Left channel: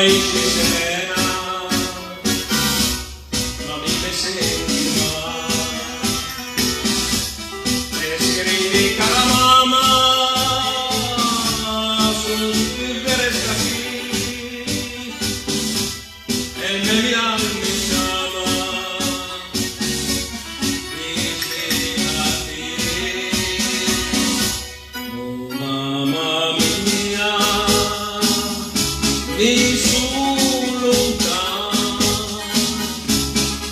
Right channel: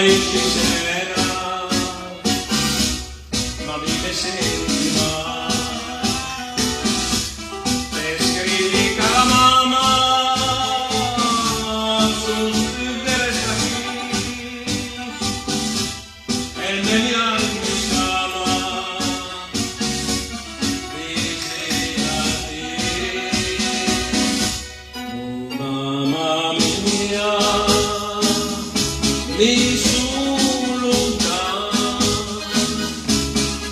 esce serena, ma vive sentiva, e scrivi cara mamma, sul de resta qui, e il meglio mi chiama, visitati, oh mamma mia, mi sulta,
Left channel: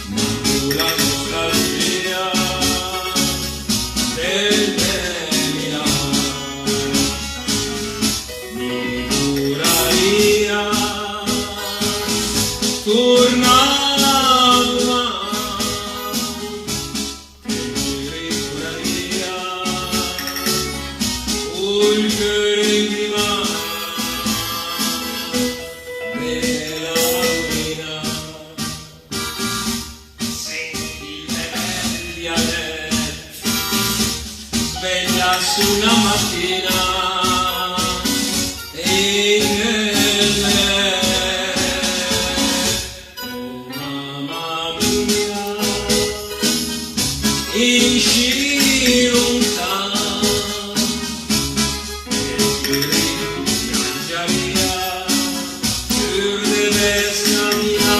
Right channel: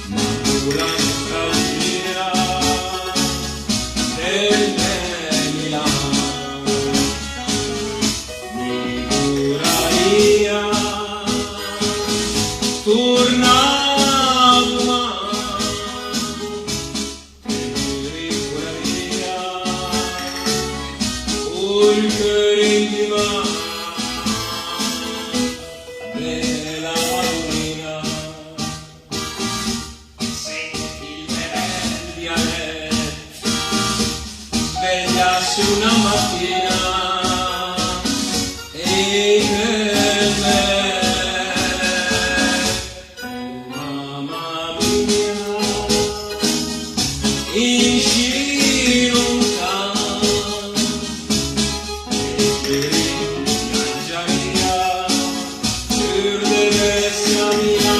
ma la nostalgia del Milano mi duraria, tornava e mi ricuraria, oltre il divano della bambina, senti le belli a letto, svegliarsi una mattina e nel letto, mamma mia, in scivolta, e piangeria per devessa mia.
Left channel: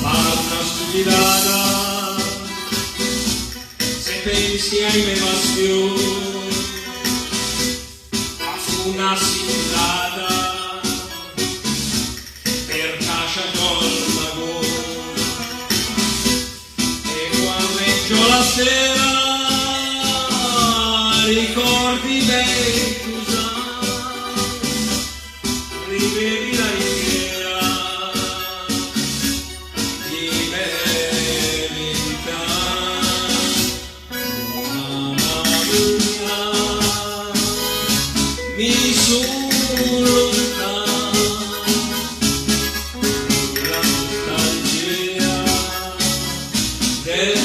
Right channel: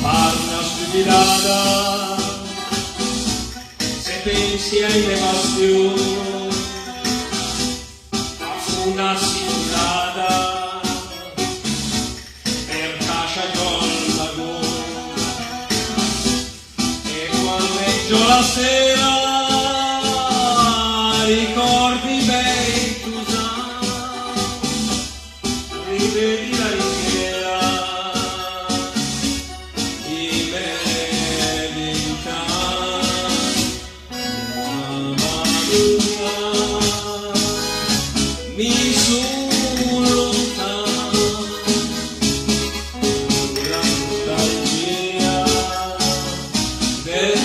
Parla stupidata, se pensi alle passioni, a una sillata, per cascia con la gola, e quando leggio la sera, ricordi bei Cusano, rivedi la ringhiera di Bellinta, mamma mia, mi sulta, la nostalgia del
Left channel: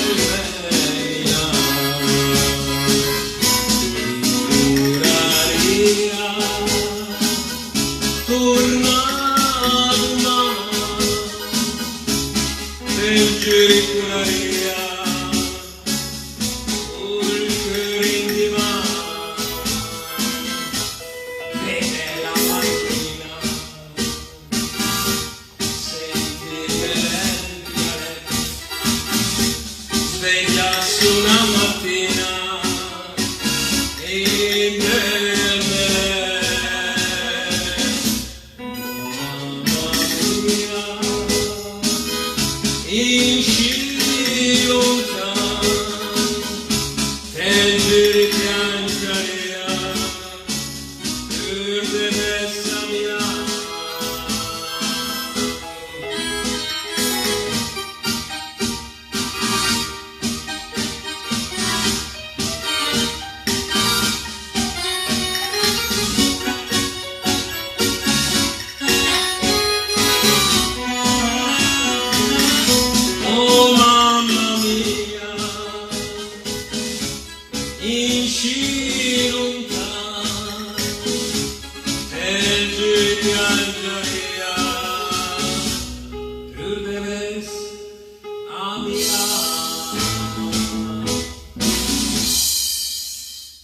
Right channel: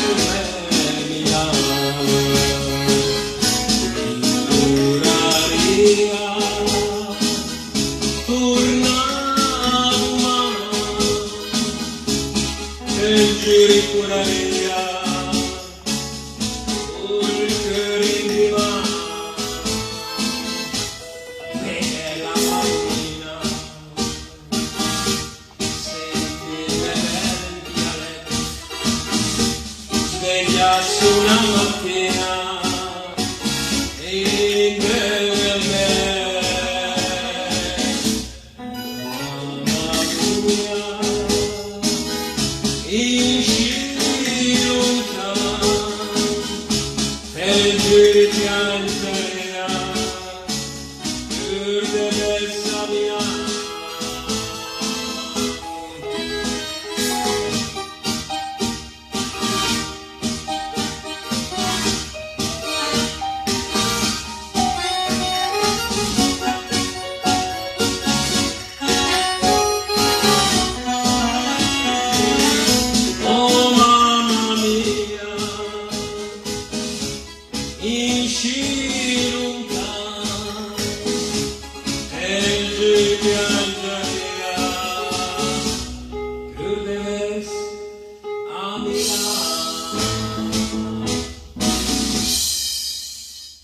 Milano mi duraria, tornava e ci ricuraria, oltre il divano della bambina, senti le lenti a letto, svegliarsi una mattina e nel letto, mamma mia, in scivolta, e giri piangeria per devessa Milano. Oh mamma mia, in scivolta, e giri piangeria per devessa Milano.